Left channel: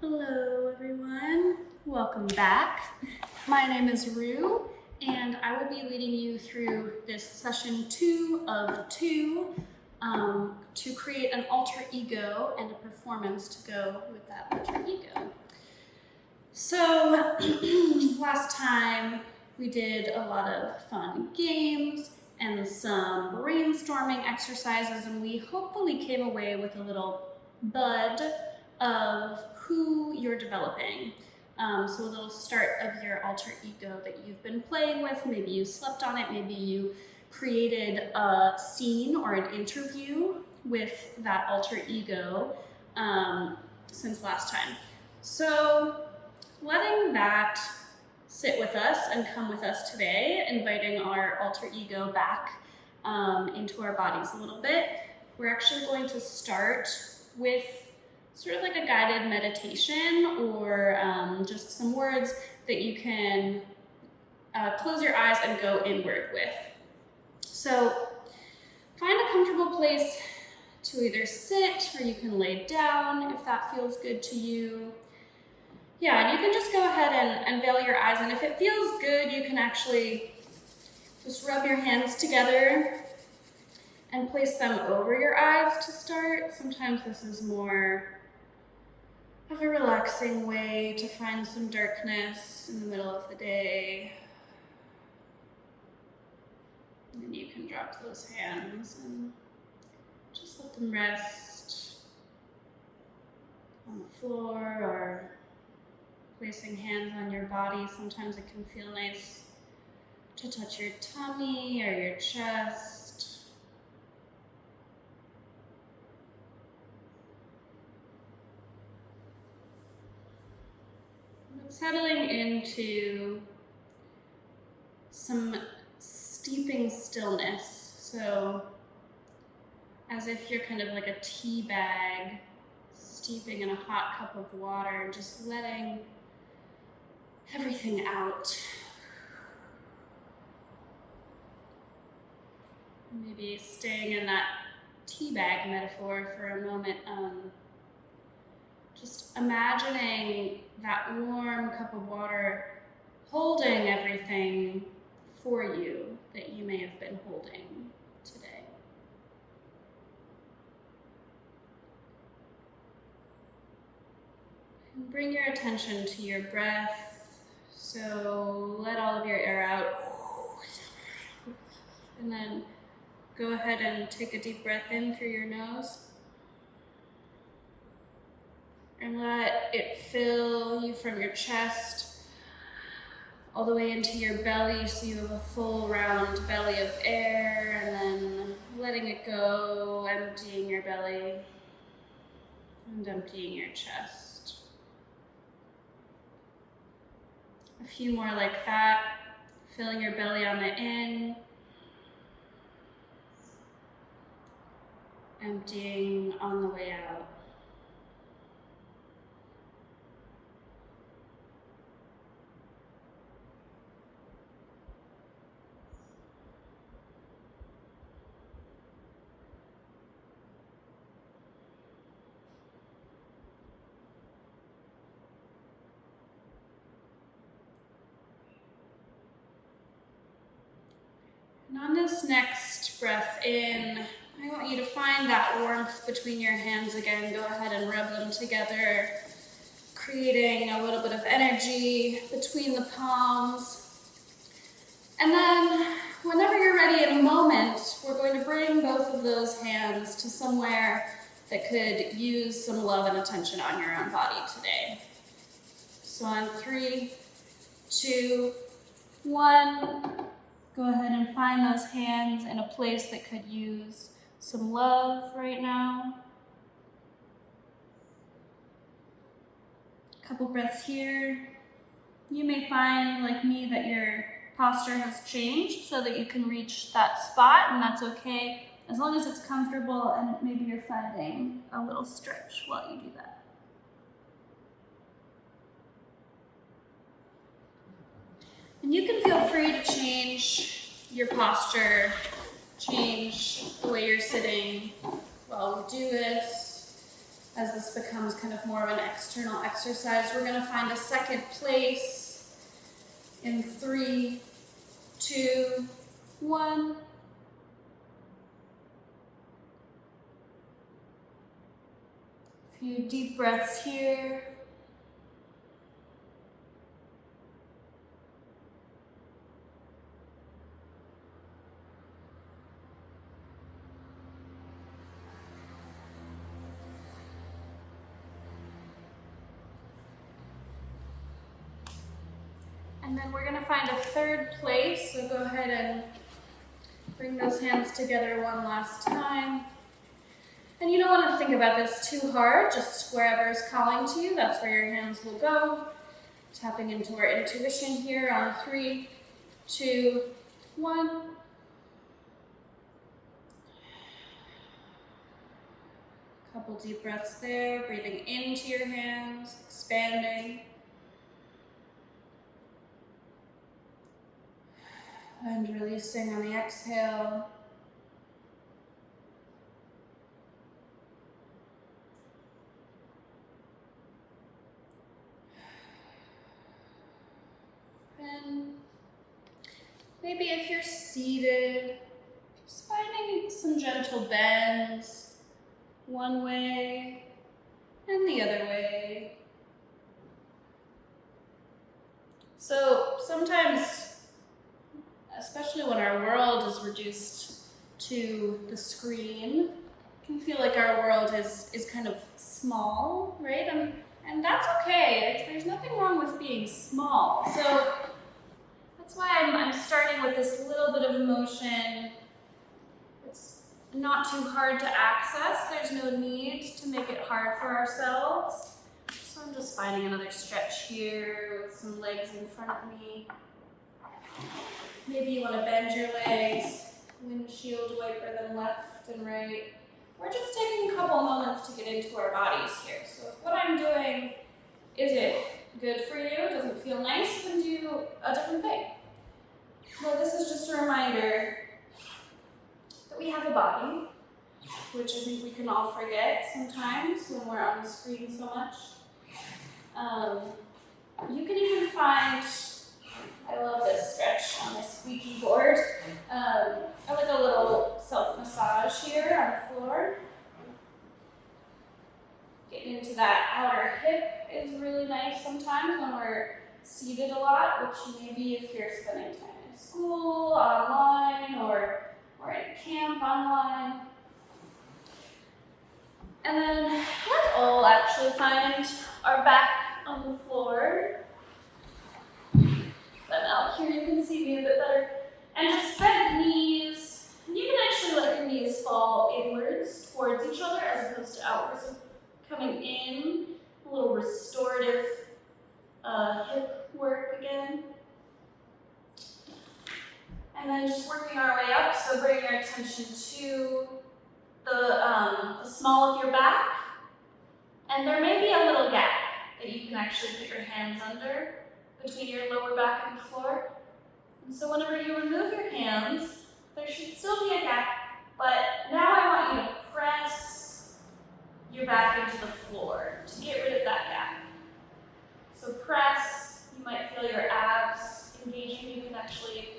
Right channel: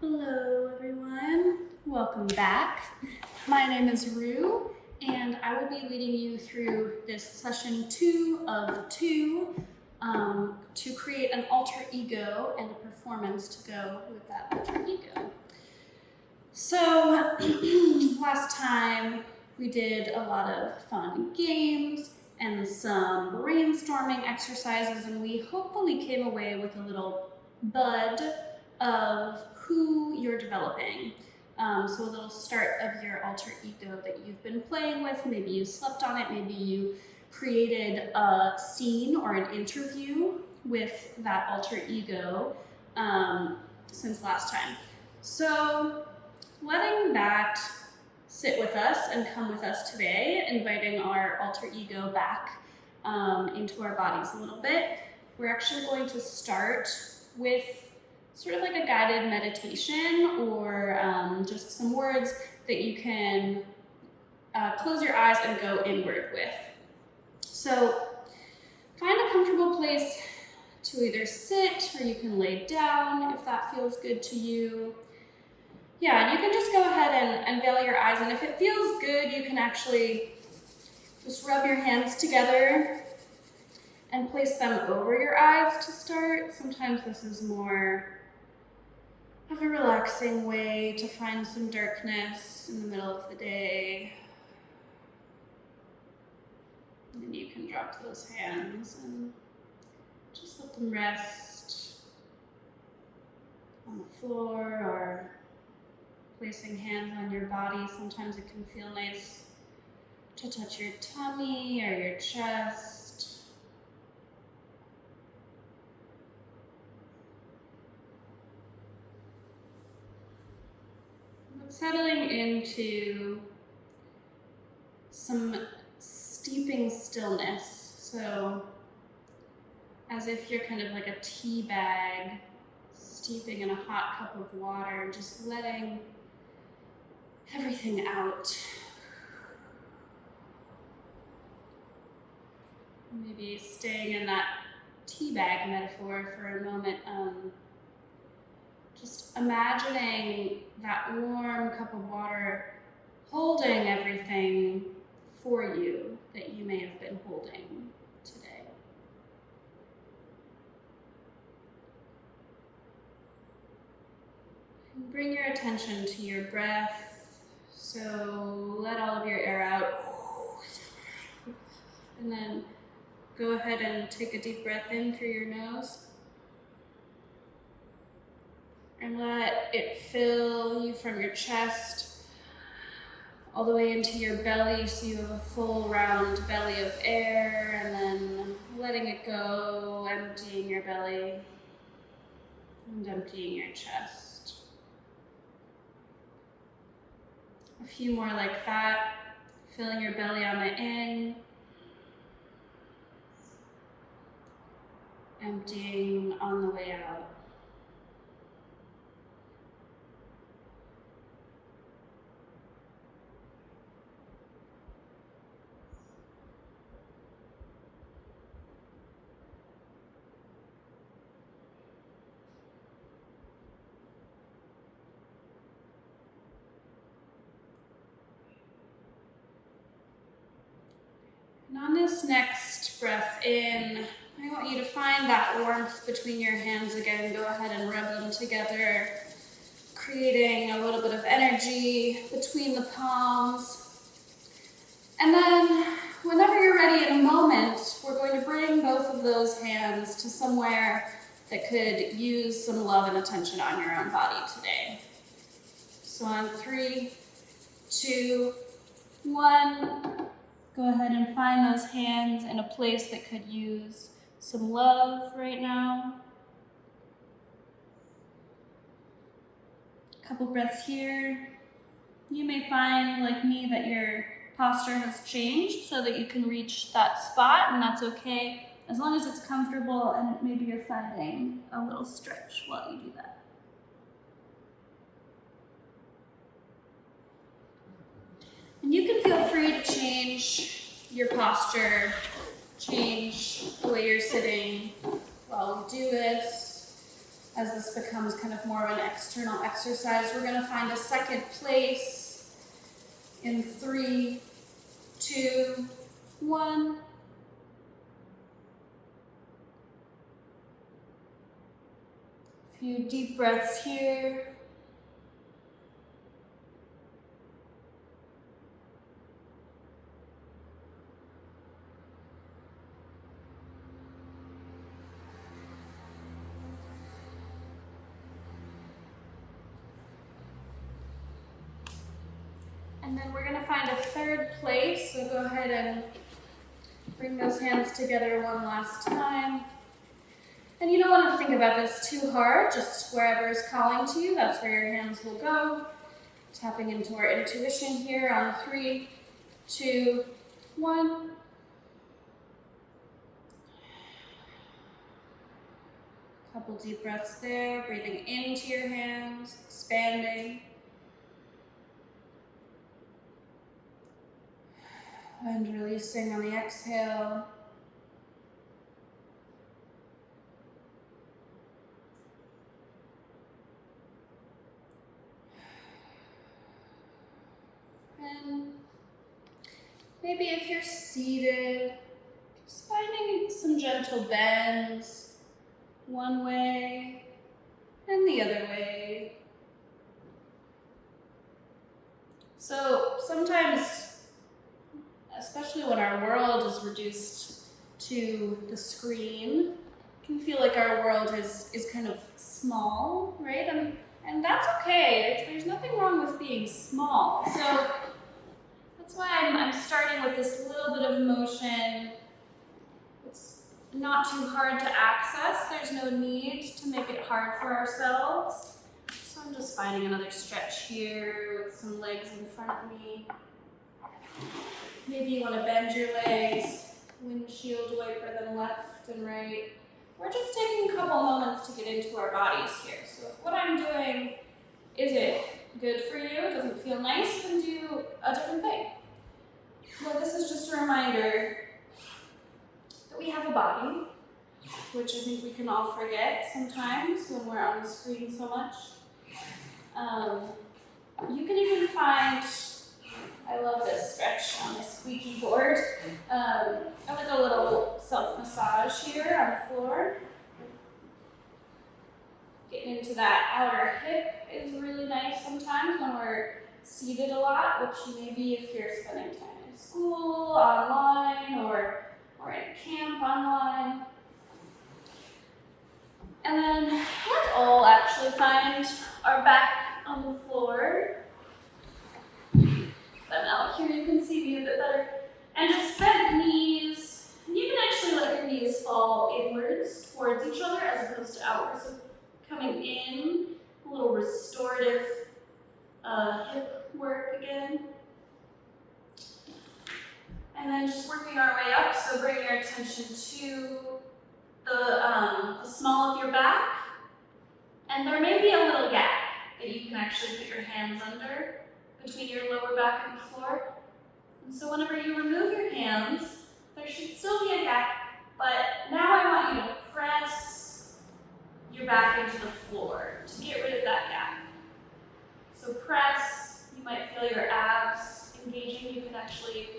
Hello everyone, welcome back. My name is Ru and I will be leading you through this session 2 of 2 to create an alter ego and a performance to go with that alter ego. So last time we did a lot of fun games and some brainstorming exercises, and we hopefully came away with a little bud of who you're developing. So a little start of your alter ego that you've been playing with. Maybe you slept on it, maybe you created a scene or an interview with that alter ego since last time. So letting that sit with us and come with us today, inviting our alter ego back into our bodies a little bit, we're actually going to start with sort of like a guided meditation or just some words that you can close your eyes and go inward with. So find a comfortable place to either sit or you can lay down if that feels good to you. Yeah, and you can just go ahead and veil your eyes, and if it feels good, you can actually just rub your hands together and place them over your eyes to start. Sometimes this is more of a relaxing way to find some darkness in the middle of the day. And then you can drop those hands and just let them rest on the floor or placing hands on your body. Sometimes it can feel nice to touch your tummy or your chest. Settling into some steeping stillness. So as if you're kind of like a tea bag steeping in a hot cup of water, just letting everything out. Maybe staying in that tea bag metaphor for a moment. Just imagining that warm cup of water holding everything for you that you may have been holding today. And bring your attention to your breath. So let all of your air out. And then go ahead and take a deep breath in through your nose. And let it fill you from your chest all the way into your belly, so you have a full round belly of air, and then letting it go, emptying your belly and emptying your chest. A few more like that, filling your belly on the in, emptying on the way out. And on this next breath in, I want you to find that warmth between your hands again. Go ahead and rub them together, creating a little bit of energy between the palms. And then, whenever you're ready in a moment, we're going to bring both of those hands to somewhere that could use some love and attention on your own body today. So on 3, 2, 1, go ahead and find those hands in a place that could use some love right now. A couple breaths here. You may find, like me, that your posture has changed so that you can reach that spot, and that's okay, as long as it's comfortable and maybe you're finding a little stretch while you do that. And you can feel free to change your posture, change the way you're sitting while we do this. as this becomes kind of more of an external exercise. We're gonna find a second place in 3, 2, 1. A few deep breaths here. And then we're gonna find a third place, so go ahead and bring those hands together one last time. And you don't want to think about this too hard, just wherever is calling to you, that's where your hands will go. Tapping into our intuition here on 3, 2, 1. Couple deep breaths there, breathing into your hands, expanding. And releasing on the exhale. And maybe if you're seated, just finding some gentle bends, one way and the other way. So sometimes, especially when our world is reduced to the screen, it can feel like our world is kind of small, right? And that's okay. There's nothing wrong with being small. So that's why I'm starting with this little bit of motion. It's not too hard to access. There's no need to make it hard for ourselves. So I'm just finding another stretch here with some legs in front of me. Maybe you want to bend your legs, windshield wiper them left and right. We're just taking a couple moments to get into our bodies here. So if what I'm doing isn't good for you, doesn't feel nice, then do a different thing. Well, this is just a reminder that we have a body, which I think we can all forget sometimes when we're on the screen so much. You can even find, I love this stretch on the squeaky board. I like a little self-massage here on the floor. Getting into that outer hip is really nice sometimes when we're seated a lot, which maybe if you're spending time in school, online, or in camp online. And then let's all actually find our back on the floor. And out here you can see me a bit better. And just spread the knees. And you can actually let your knees fall inwards towards each other as opposed to outwards. So coming in, a little restorative hip work again. And then just working our way up, so bring your attention to the small of your back. And there may be a little gap that you can actually put your hands under between your lower back and the floor. And so whenever you remove your hands, there should still be a gap, but now I want you to press your back into the floor to get rid of that gap. So press, you might feel your abs engaging, you can actually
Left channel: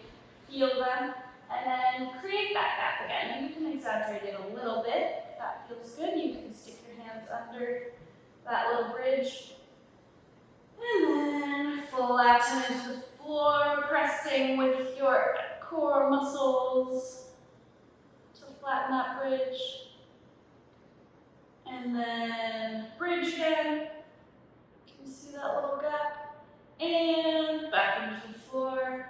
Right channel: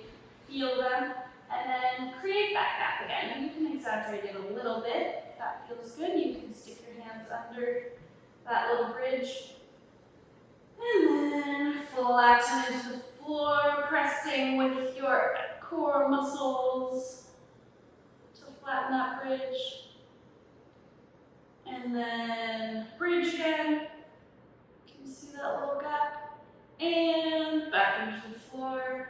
feel them, and then create that gap again. And you can exaggerate it a little bit. If that feels good, you can stick your hands under that little bridge. And then flatten into the floor, pressing with your core muscles to flatten that bridge. And then bridge again. Can you see that little gap? And back into the floor.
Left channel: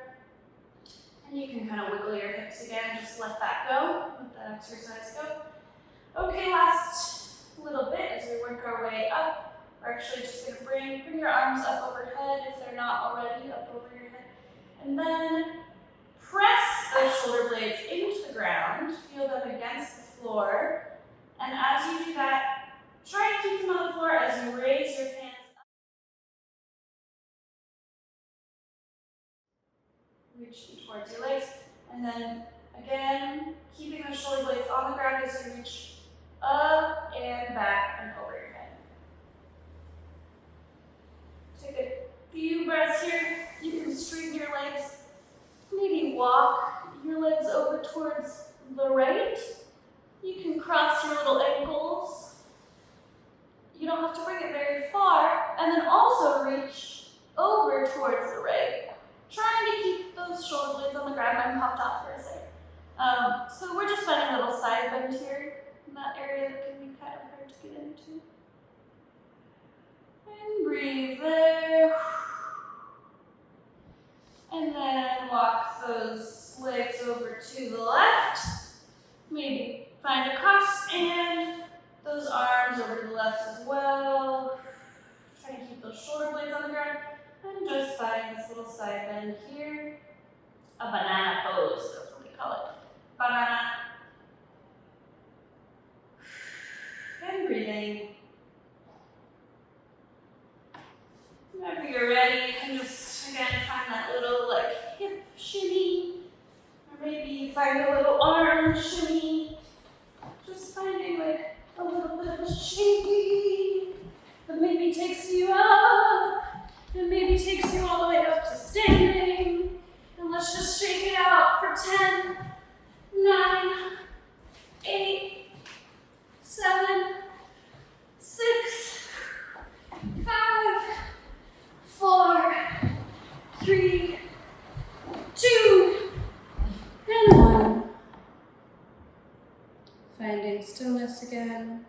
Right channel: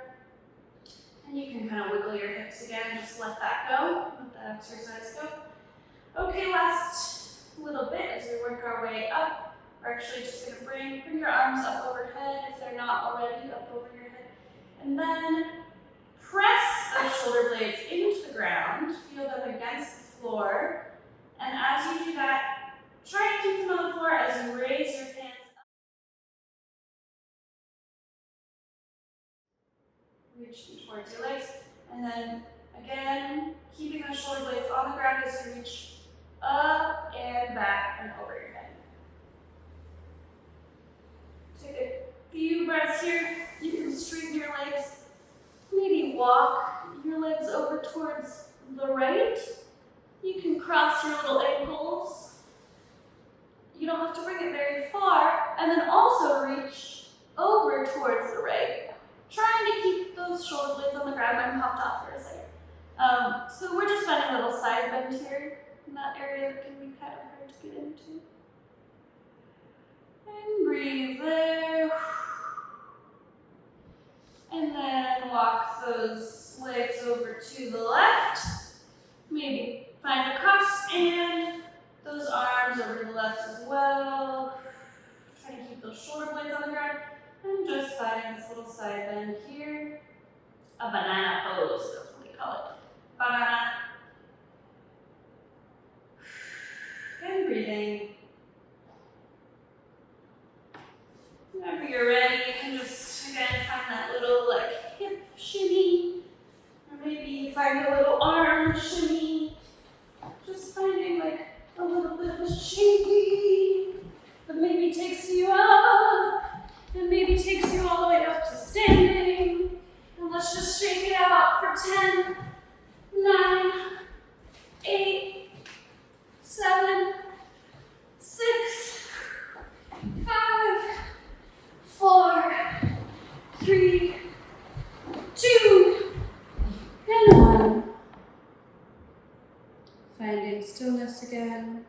And you can kind of wiggle your hips again, just let that go, let that exercise go. Okay, last little bit as we work our way up. We're actually just going to bring your arms up overhead if they're not already up over your head. And then press those shoulder blades into the ground, feel them against the floor. And as you do that, try to keep them on the floor as you raise your hands up. Reach towards your legs. And then again, keeping those shoulder blades on the ground as you reach up and back and over your head. towards the right. You can cross your little ankles. You don't have to bring it very far. And then also reach over towards the right. Trying to keep those shoulder blades on the ground. Mine popped off for a second. So we're just finding a little side bend here in that area that can be kind of hard to get into. And breathe there. And then walk those legs over to the left. Maybe find a cross and those arms over to the left as well. Try to keep those shoulder blades on the ground. And just find this little side bend here. A banana pose, that's what we call it. Banana. And breathing. Whenever you're ready, you can just again find that little like hip shimmy. Or maybe find a little arm shimmy. Just finding like a little bit of a shaking that maybe takes you up. And maybe takes you all the way up to standing. And let's just shake it out for 10, 9, 8, 7, 6, 5, 4, 3, 2, and 1. Finding stillness again.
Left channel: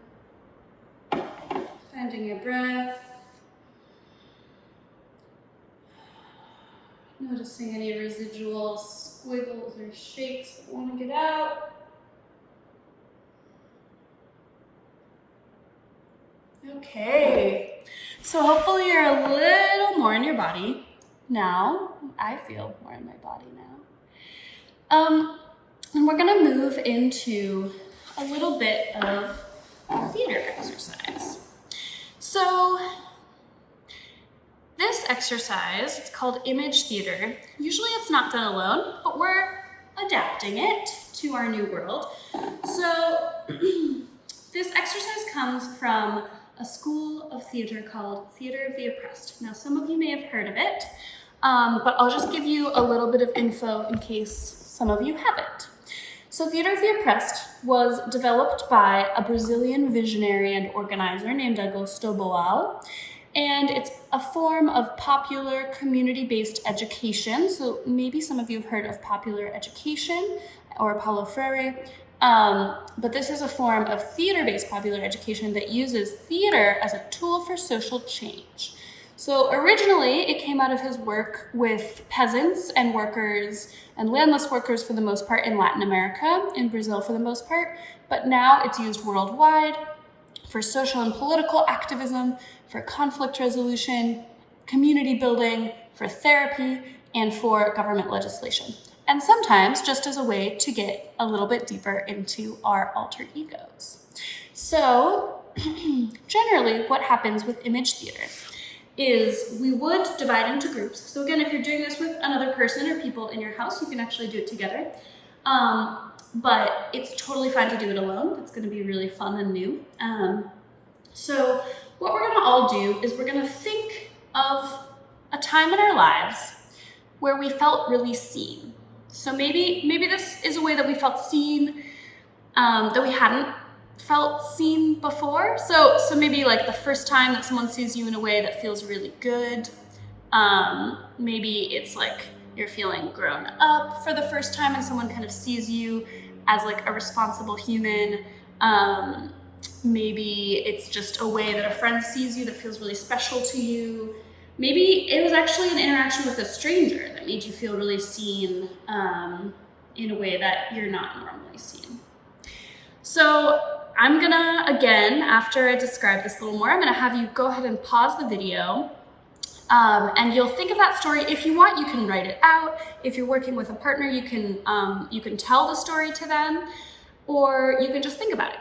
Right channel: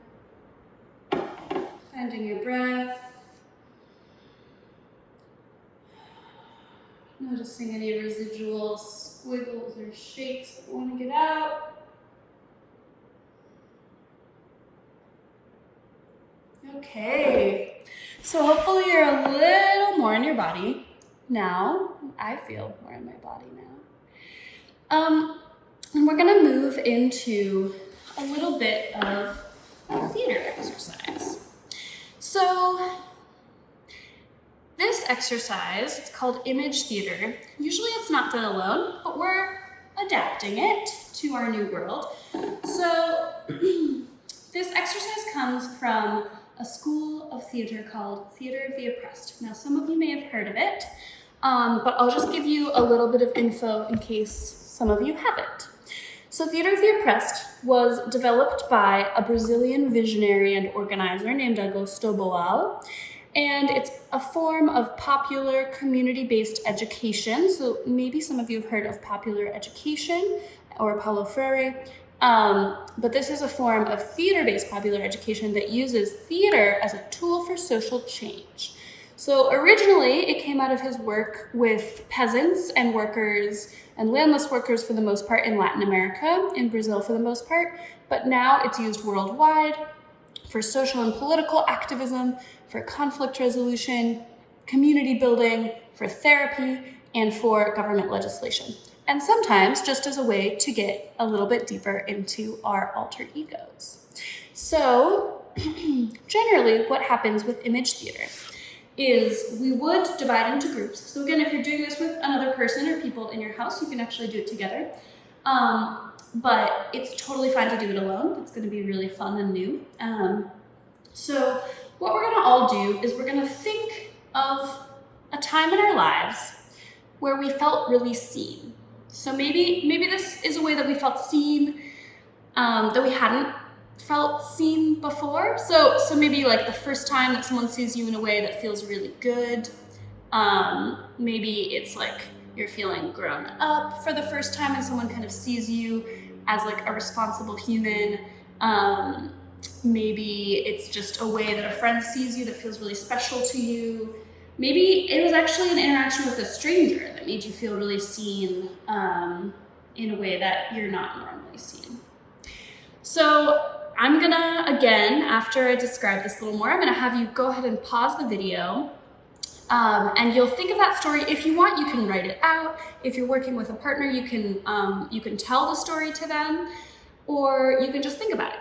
Finding your breath. Noticing any residual squiggles or shakes that want to get out. Okay, so hopefully you're a little more in your body now. I feel more in my body now. And we're gonna move into a little bit of theater exercise. So, this exercise, it's called image theater. Usually it's not done alone, but we're adapting it to our new world. So this exercise comes from a school of theater called Theater of the Oppressed. Now some of you may have heard of it, but I'll just give you a little bit of info in case some of you haven't. So Theater of the Oppressed was developed by a Brazilian visionary and organizer named Augusto Boal. And it's a form of popular community-based education. So maybe some of you have heard of popular education or Paulo Freire. But this is a form of theater-based popular education that uses theater as a tool for social change. So originally it came out of his work with peasants and workers and landless workers for the most part in Latin America, in Brazil for the most part. But now it's used worldwide for social and political activism, for conflict resolution, community building, for therapy, and for government legislation. And sometimes just as a way to get a little bit deeper into our alter egos. So generally what happens with image theater is we would divide into groups. So again, if you're doing this with another person or people in your house, you can actually do it together. But it's totally fine to do it alone. It's gonna be really fun and new. So what we're gonna all do is we're gonna think of a time in our lives where we felt really seen. So maybe this is a way that we felt seen, that we hadn't felt seen before. So maybe like the first time that someone sees you in a way that feels really good. Maybe it's like you're feeling grown up for the first time and someone kind of sees you as like a responsible human. Maybe it's just a way that a friend sees you that feels really special to you. Maybe it was actually an interaction with a stranger that made you feel really seen in a way that you're not normally seen. So I'm gonna, again, after I describe this a little more, I'm gonna have you go ahead and pause the video and you'll think of that story. If you want, you can write it out. If you're working with a partner, you can tell the story to them, or you can just think about it.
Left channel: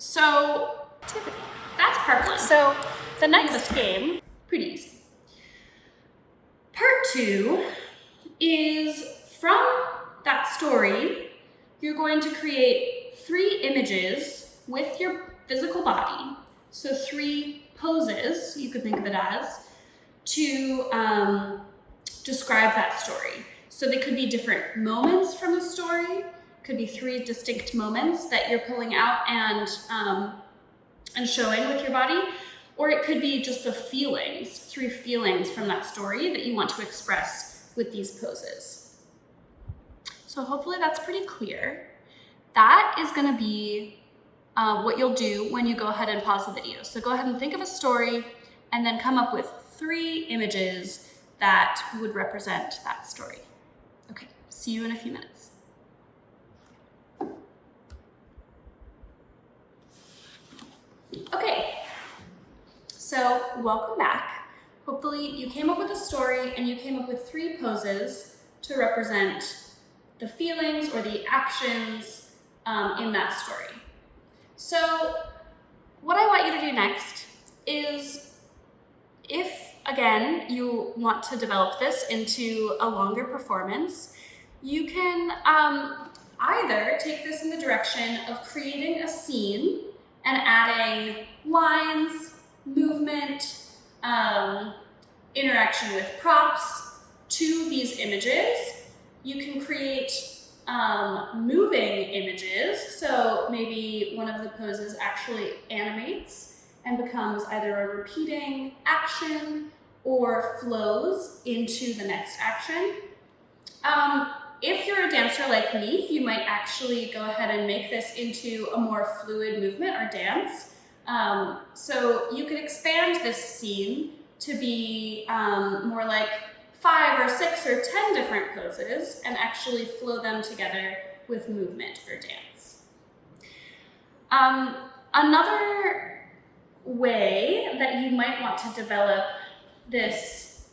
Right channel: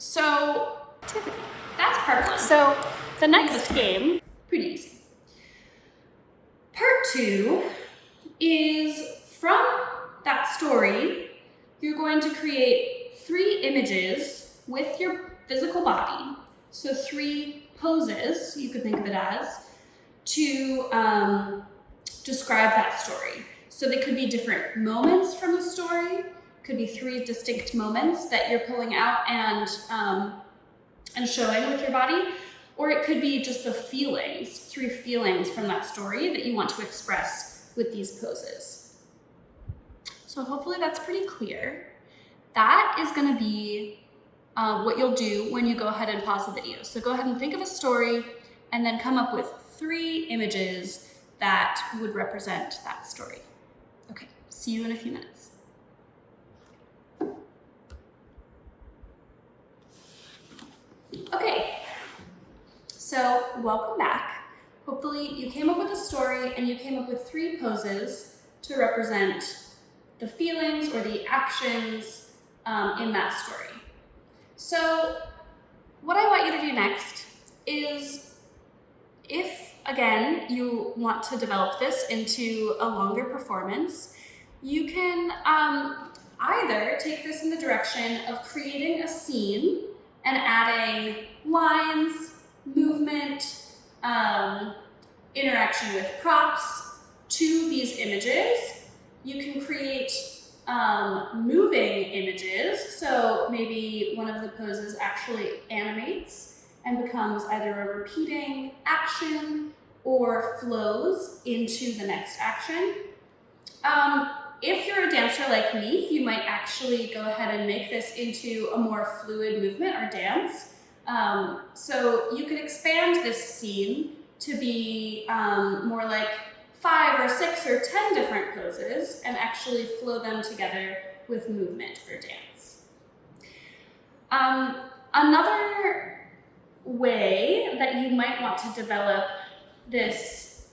So that's part one. So the next game, pretty easy. Part two is from that story, you're going to create 3 images with your physical body. So 3 poses, you could think of it as, to describe that story. So they could be different moments from the story, could be 3 distinct moments that you're pulling out and showing with your body, or it could be just the feelings, 3 feelings from that story that you want to express with these poses. So hopefully that's pretty clear. That is going to be what you'll do when you go ahead and pause the video. So go ahead and think of a story and then come up with 3 images that would represent that story. Okay, see you in a few minutes. Okay, so welcome back. Hopefully you came up with a story and you came up with 3 poses to represent the feelings or the actions in that story. So what I want you to do next is, if again you want to develop this into a longer performance, you can either take this in the direction of creating a scene and adding lines, movement, interaction with props to these images. You can create moving images, so maybe one of the poses actually animates and becomes either a repeating action or flows into the next action. If you're a dancer like me, you might actually go ahead and make this into a more fluid movement or dance. So you could expand this scene to be more like 5 or 6 or 10 different poses and actually flow them together with movement or dance. Another way that you might want to develop this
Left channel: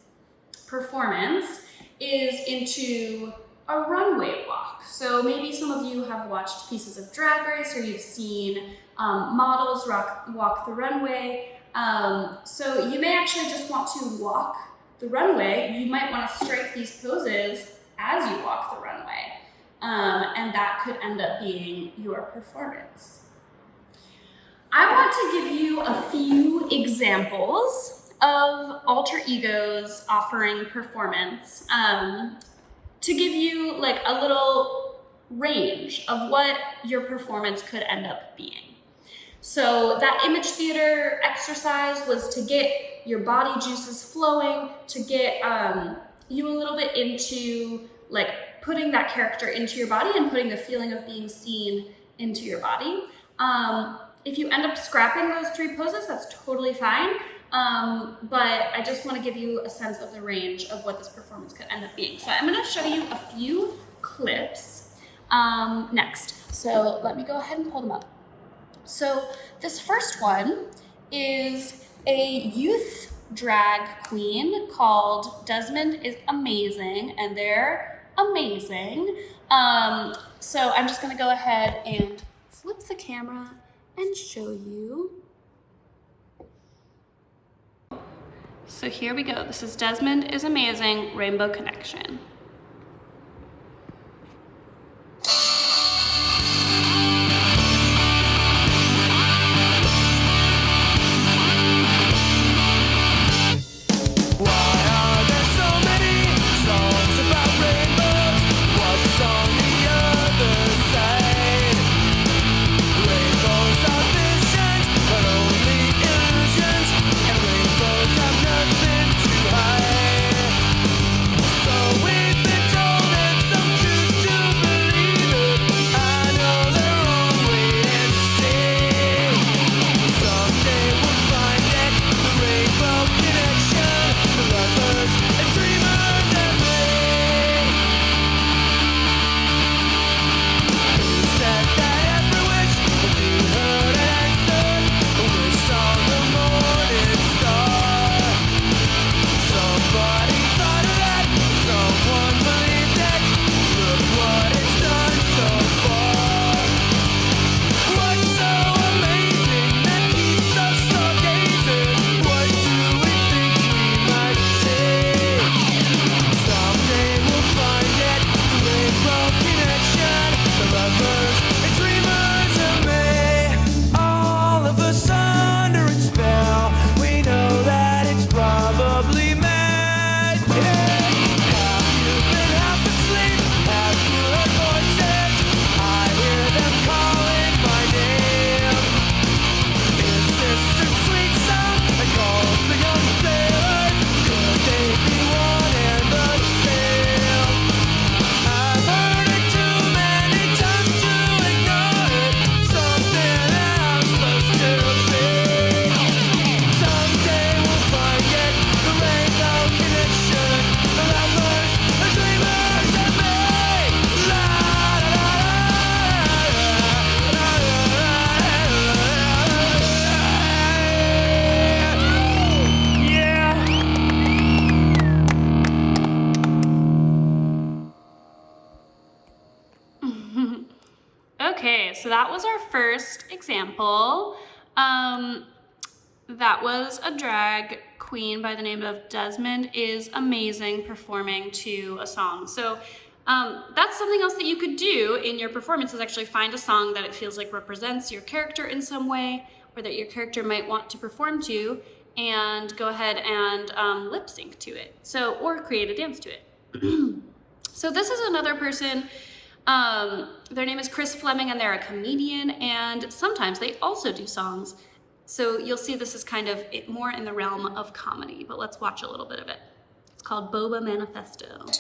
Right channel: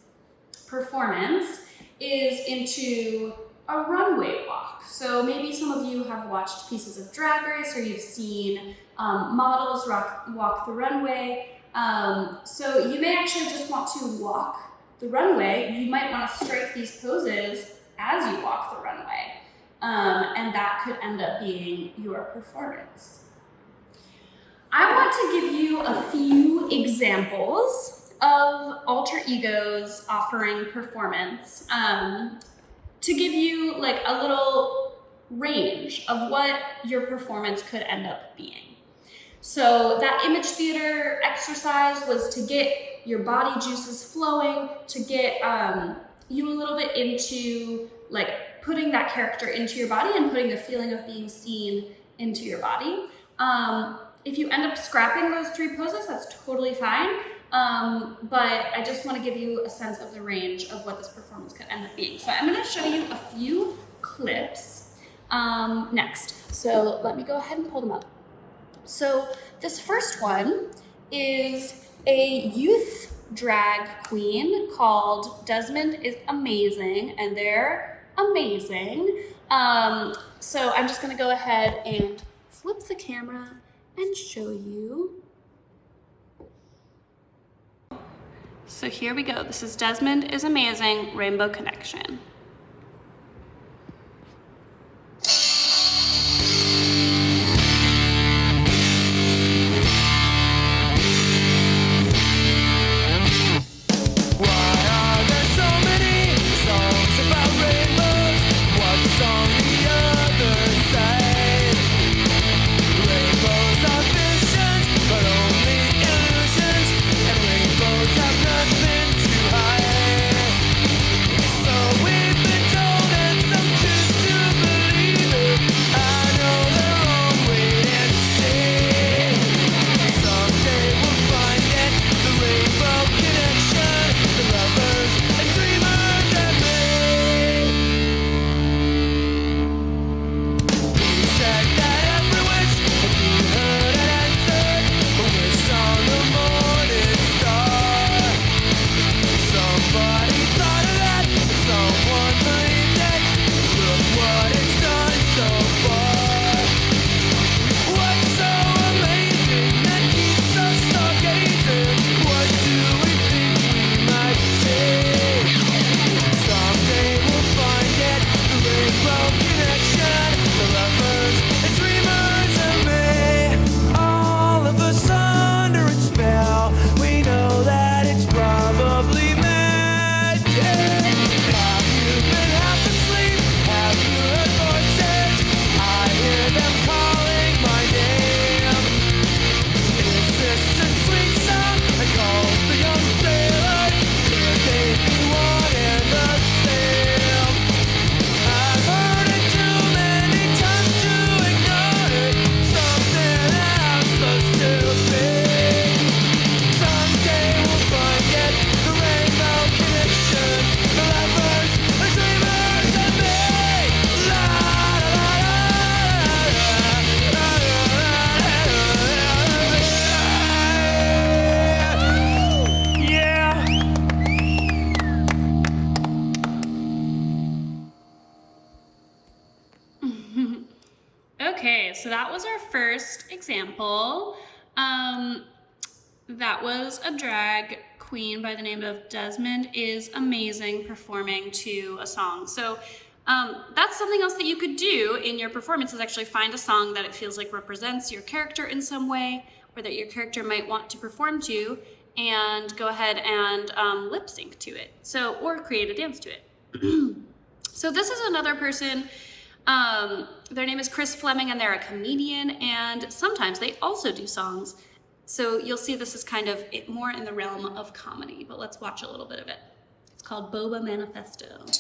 performance is into a runway walk. So maybe some of you have watched pieces of Drag Race, or you've seen models walk the runway. So you may actually just want to walk the runway. You might want to strike these poses as you walk the runway, and that could end up being your performance. I want to give you a few examples of alter egos offering performance to give you like a little range of what your performance could end up being. So that image theater exercise was to get your body juices flowing, to get you a little bit into like putting that character into your body and putting the feeling of being seen into your body. If you end up scrapping those 3 poses, that's totally fine. But I just want to give you a sense of the range of what this performance could end up being. So I'm going to show you a few clips next. So let me go ahead and pull them up. So this first one is a youth drag queen called Desmond is Amazing, and they're amazing. So I'm just going to go ahead and flip the camera and show you. So here we go. This is Desmond is Amazing, Rainbow Connection. Nothing to hide. So we that was our first example. That was a drag queen by the name of Desmond is amazing performing to a song. So that's something else that you could do in your performance, is actually find a song that it feels like represents your character in some way, or that your character might want to perform to, and go ahead and lip sync to it. So, or create a dance to it. So this is another person. Their name is Chris Fleming, and they're a comedian, and sometimes they also do songs. So you'll see this is kind of more in the realm of comedy, but let's watch a little bit of it. It's called Boba Manifesto. Every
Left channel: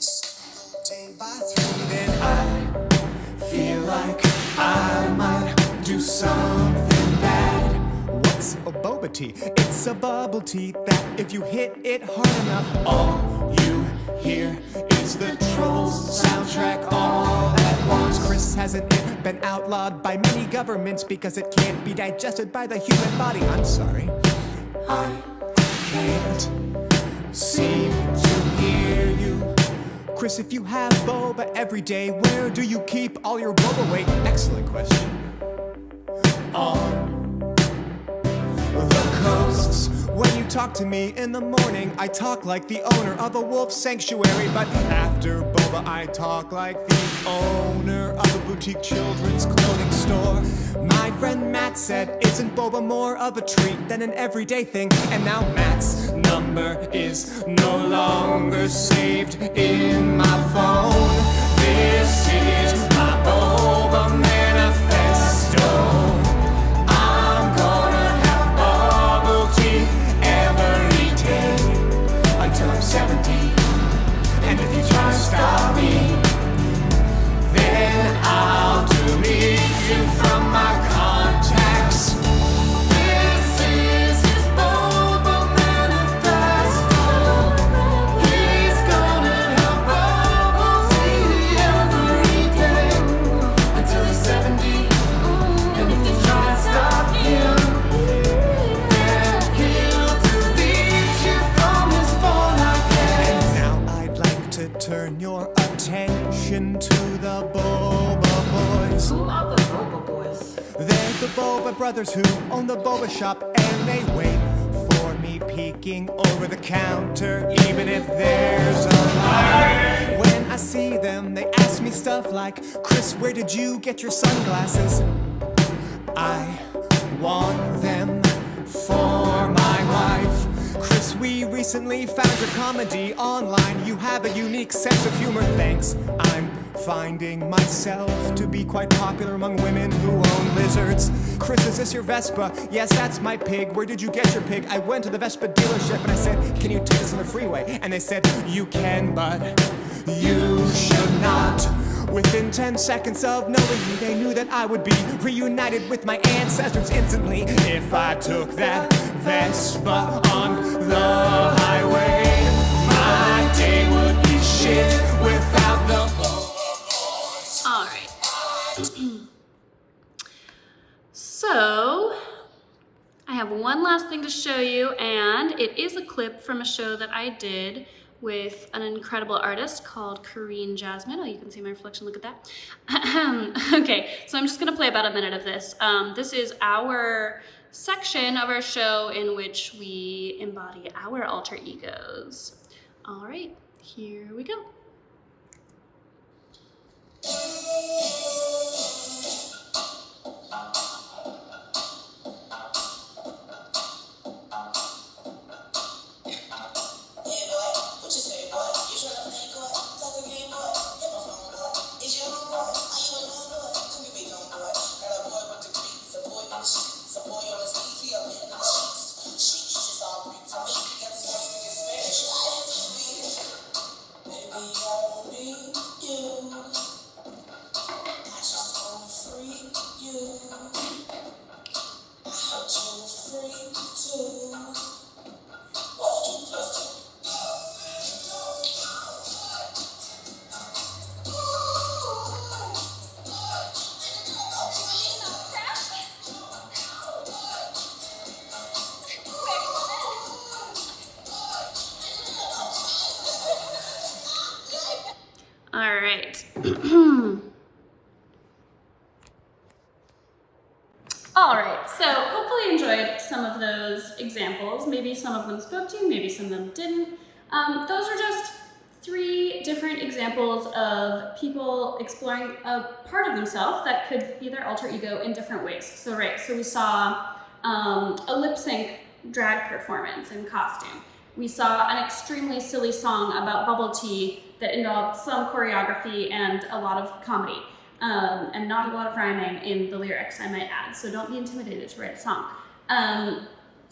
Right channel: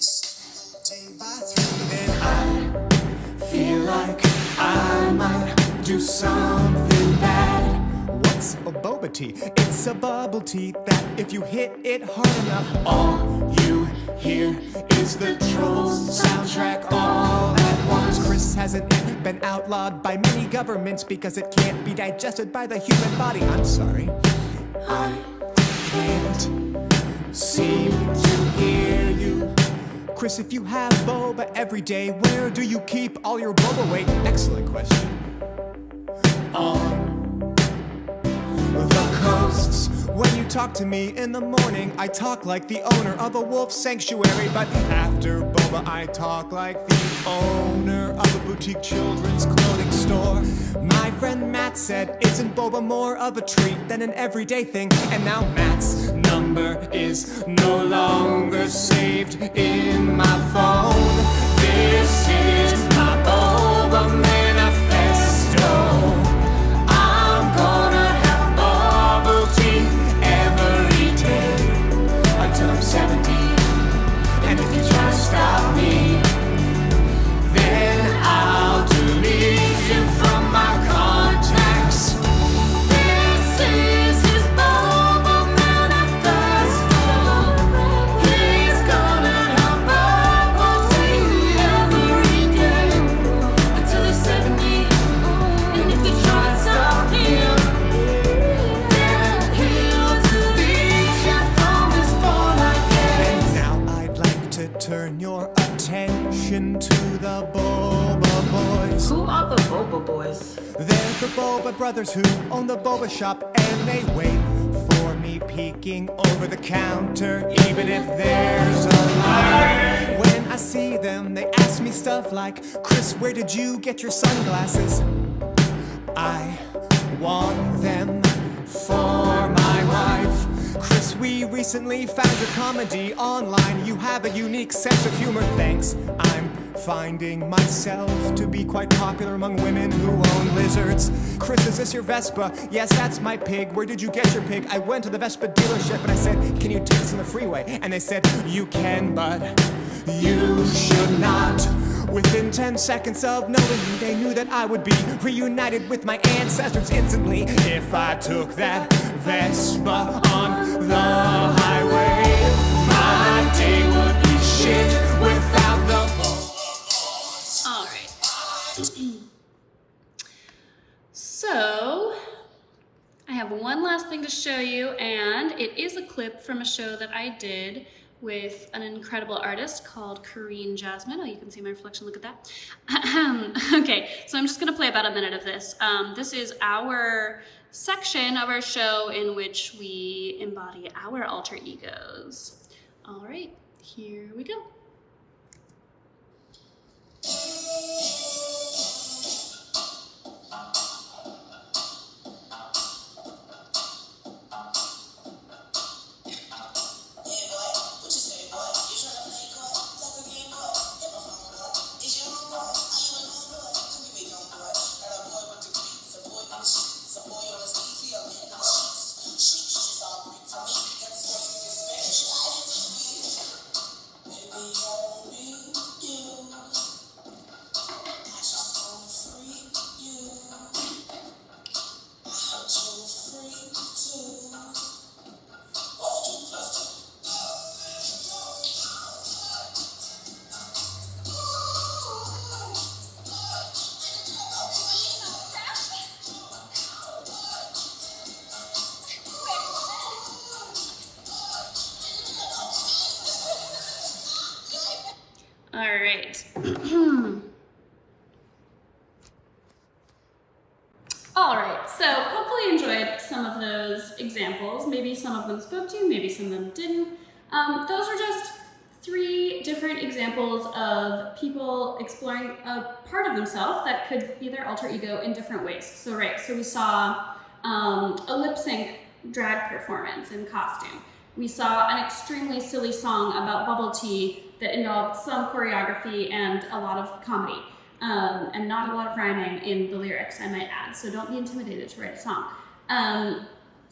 single day by 3, then I feel like I might do something bad. What's a boba tea? It's a bubble tea that if you hit it hard enough, all you hear is the Trolls soundtrack all at once. Chris hasn't been outlawed by many governments because it can't be digested by the human body. I'm sorry, I can't seem to hear you. Chris, if you have boba every day, where do you keep all your boba weight? Excellent question. On the coasts. When you talk to me in the morning, I talk like the owner of a wolf sanctuary. But after boba, I talk like the owner of a boutique children's clothing store. My friend Matt said, isn't boba more of a treat than an everyday thing? And now Matt's number is no longer saved in my phone. This is my boba manifesto. I'm gonna have bubble tea every day until I'm 70. And if you try to stop me, then I'll delete you from my contacts. This is his boba manifesto. He's gonna have bubble tea every day until he's 70. And if you try to stop him, then he'll delete you from his phone again. And now I'd like to turn your attention to the Boba Boys. Who are the Boba Boys? They're the Boba brothers who own the boba shop, and they wait for me peeking over the counter, even if there's a line. When I see them, they ask me stuff like, Chris, where did you get your sunglasses? I want them for my wife. Chris, we recently found your comedy online. You have a unique sense of humor, thanks. I'm finding myself to be quite popular among women who own lizards. Chris, is this your Vespa? Yes, that's my pig. Where did you get your pig? I went to the Vespa dealership and I said, can you take us on the freeway? And they said, you can, but you should not. Within 10 seconds of knowing me, they knew that I would be reunited with my ancestors instantly if I took that Vespa on the highway. My day would be shit without the boba. All right. So I have one last thing to show you, and it is a clip from a show that I did with an incredible artist called Corinne Jasmine. Oh, you can see my reflection, look at that. Okay, so I'm just gonna play about a minute of this. This is our section of our show in which we embody our alter egos. All right, here we go. All right, so hopefully you enjoyed some of those examples. Maybe some of them spoke to you, maybe some of them didn't. Those are just 3 different examples of people exploring a part of themselves that could be their alter ego in different ways. So we saw a lip sync drag performance in costume. We saw an extremely silly song about bubble tea that involved some choreography and a lot of comedy. And not a lot of rhyming in the lyrics, I might add, so don't be intimidated to write a song. And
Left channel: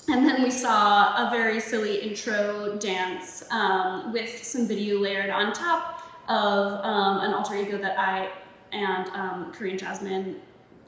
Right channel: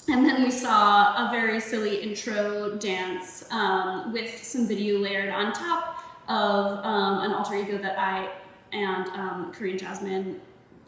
then we saw a very silly intro dance with some video layered on top of an alter ego that I and Korean Jasmine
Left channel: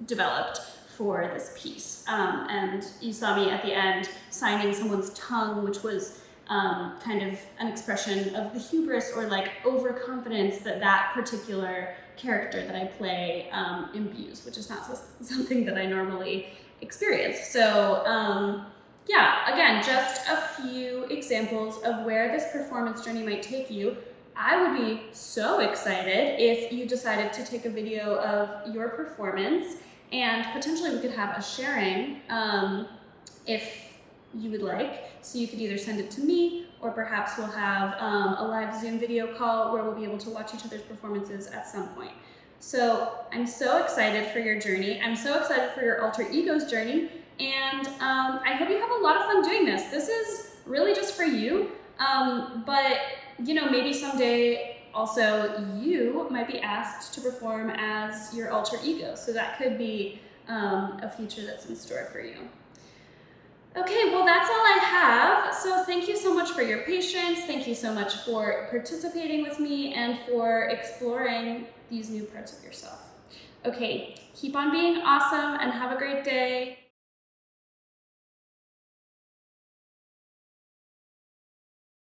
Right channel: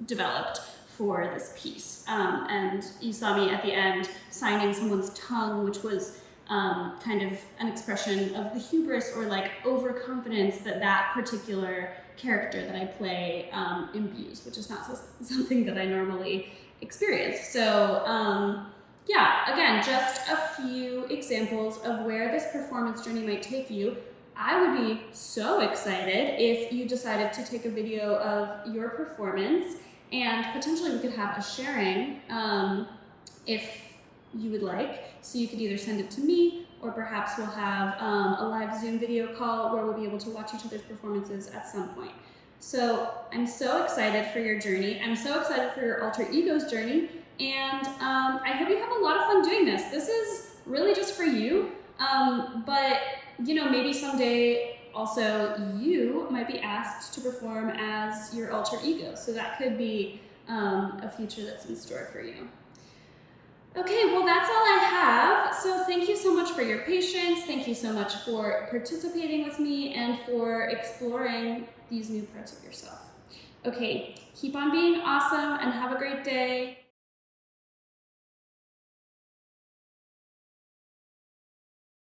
developed for this piece. And you saw me at the end signing someone's tongue, which was kind of an expression of the hubris or like overconfidence that particular character that I play imbues, which is not something that I normally experience. So yeah, again, just a few examples of where this performance journey might take you. I would be so excited if you decided to take a video of your performance, and potentially we could have a sharing if you would like. So you could either send it to me, or perhaps we'll have a live Zoom video call where we'll be able to watch each other's performances at some point. So I'm so excited for your journey. I'm so excited for your alter ego's journey. And I hope you have a lot of fun doing this. This is really just for you. But, you know, maybe someday also you might be asked to perform as your alter ego. So that could be a future that's in store for you. Okay, well, that's all I have. So thank you so much for your patience. Thank you so much for participating with me and for exploring these new parts of yourself. Okay, keep on being awesome and have a great day.